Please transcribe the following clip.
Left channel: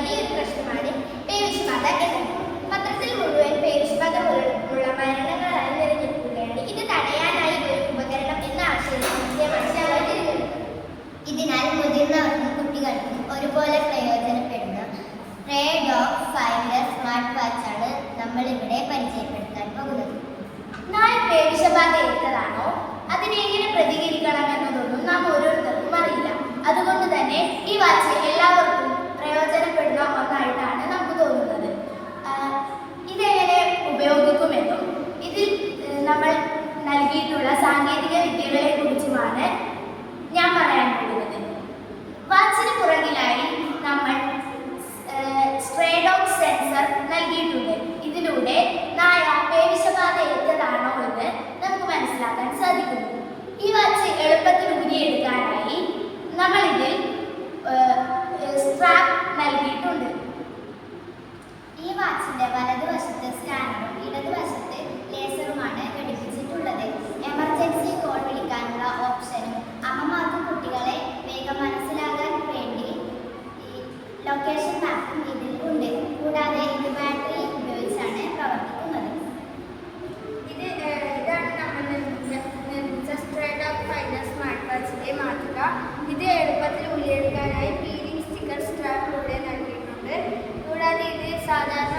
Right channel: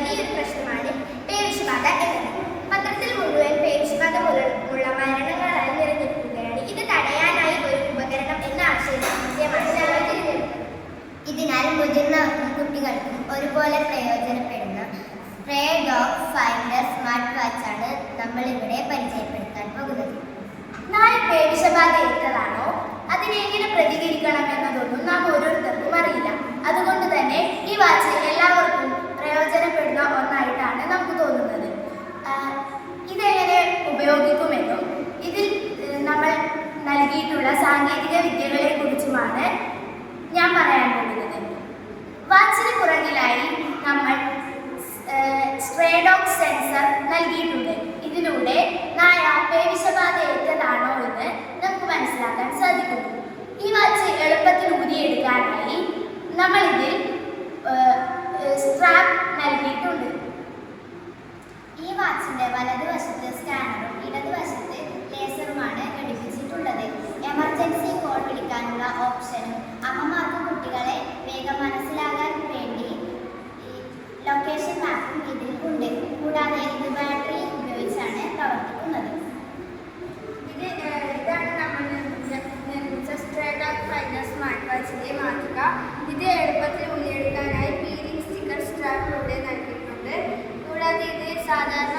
വലിയൊരു പ്രശ്നമാണ് പേവിഷബാധ എന്നത്. പത്രത്തിൽ മുഴുവൻ പേവിഷബാധ മൂലമുള്ള മരണങ്ങളായി നിലനിൽക്കുകയാണ്. ഇത് തടയാനായി ഒരു ഉപകരണം എന്ന ആശയമാണ് ഞങ്ങൾ തിരഞ്ഞെടുത്തത്. ഇതിനാൽ മുതിർന്നവർക്കും കുട്ടികൾക്കും ഒരുപോലെ പ്രയോജനപ്പെടുന്ന സ്ട്രേ ഡോഗ് ഫൈൻഡർ സ്മാർട്ട് വാച്ചാണ് നമ്മൾ ഇവിടെ പരിചയപ്പെടുത്താൻ പോകുന്നത്. നായ പേവിഷബാധ ഏറ്റതാണോ അതിനെ എങ്ങനെ പ്രതികരിക്കണം എന്നതൊന്നും നാം ഓരോരുത്തർക്കും അറിയില്ല. അതുകൊണ്ട് തന്നെ ഈ വാച്ച് എല്ലാവർക്കും പ്രയോജനപ്പെടുന്ന ഒന്നായിട്ടാണ് നമുക്ക് തോന്നുന്നത്. ഇതെങ്ങനെ ഉപയോഗിക്കുമെന്നും ഇതിൽ നമ്മൾ നൽകിയിട്ടുള്ള സാങ്കേതിക വിദ്യകളെ കുറിച്ചുമാണ് ഞാൻ പറയാൻ പോകുന്നത്. വാച്ചിന് പുറകിലായി നമ്മൾ സ്ട്രേ ഡോഗ് സെൻസർ നൽകിയിട്ടുണ്ട്. ഇതിലൂടെ നായ പേവിഷബാധ ഏറ്റതാണോ എന്ന് നമുക്ക് മനസ്സിലാക്കാൻ സാധിക്കുന്നു. ഈ വാച്ച് എളുപ്പത്തിൽ ഊരിയെടുക്കാനായി നമ്മളിതിൽ സ്ട്രാപ്പ് നൽകിയിട്ടുണ്ട്. ഈ വാച്ചിന്റെ വലതുവശത്ത് സ്കാനറും ഇടതുവശത്ത് ലേസറുമാണ് ഘടിപ്പിച്ചിട്ടുള്ളത്. എമർജൻസി കോൾ വിളിക്കാനുള്ള ഓപ്ഷനും അമ്മമാർക്കും കുട്ടികളെ വേഗം മനസ്സിലാകാൻ വേണ്ടി ലൊക്കേഷൻ മാപ്പും ഇതിൽ ഉണ്ട്. കൂടാതെ ഇത് ബാറ്ററി ഉപയോഗിച്ചാണ് പ്രവർത്തിക്കുന്നത്. ഇതാണ് നമ്മൾ നിർമ്മിച്ച സ്ട്രേ ഡോഗ് ഫൈൻഡർ സ്മാർട്ട് വാച്ചിന്റെ മാതൃക. ഇത് എളുപ്പത്തിൽ ഊരിയെടുക്കാനായി പീലിംഗ് സ്റ്റിക്കർ സ്ട്രാപ്പിലൂടെ നൽകിയിട്ടുണ്ട്. കൂടാതെ ഇത് സാധാരണ